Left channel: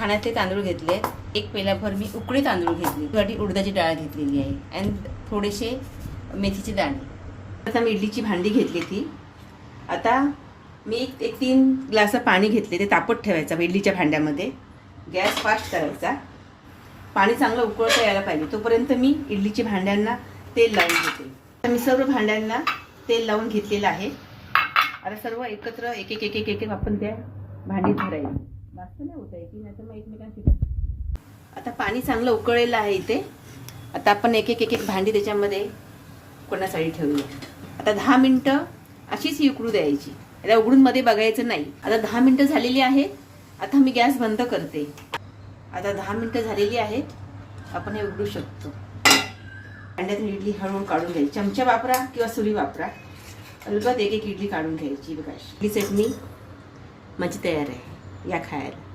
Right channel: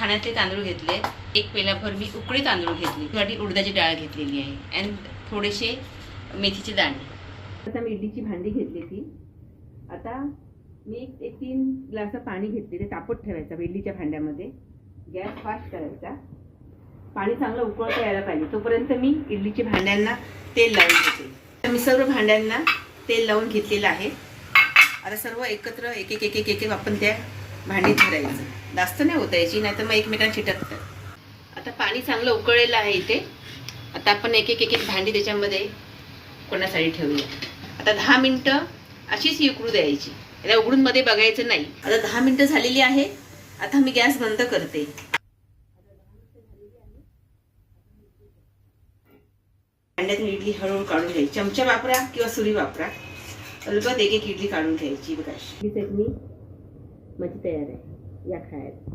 खाण्यातले तांदूळ घेतले, एक पेल्याभर मी उकडी तांदूळ घेतली, वाटी उडदाची डाळ घेतलेली आहे अँड थोडेसे मेथीचे दाणे. आता मी इडलीची भांडी घेतली ती. आता मी एक 3 ग्लास पाणी घेतले, ते तापत ठेवायचं इडलीच्या भांड्यामध्ये. गॅस फास्ट करायचा. पाणी चांगलं उकळता यायला पाहिजे तोपर्यंत मी इडलीच्या भांड्यांना तेल लावून घेते. तर मी सर्व भांड्यांना तेल लावून घेतलेलं आहे. आता सर्व एकत्र एक एक एक एक एक आपण त्या भांडीत भरायचं. जास्त नाही होता याची, नाही तर मग एकमेकांना चिटकतं. आता पाणी चांगलं उकळलेलं आहे इथे. आता आपण एक एक एक एक भांडी त्याच्यामध्ये उकळण्यासाठी ठेवूया. आता 10 मिनटं अशीच उकळू द्यायची, याला उघडून मध्ये बघायचं नाही. आता 10 मिनटं झालेली आहे. आता मी गॅस बंद करते. आता 10 मिनटं झालेली आहेत. आपण हे उघडू शकतो. भांड्यातून इडली हळूहळू काढून घ्यायची. चमचा वापरा किंवा सुरी वापरा. अलगद एक एक इडली काढून घ्यायची. बघा, इडली चटणी माझी तयार आहे, या खायला.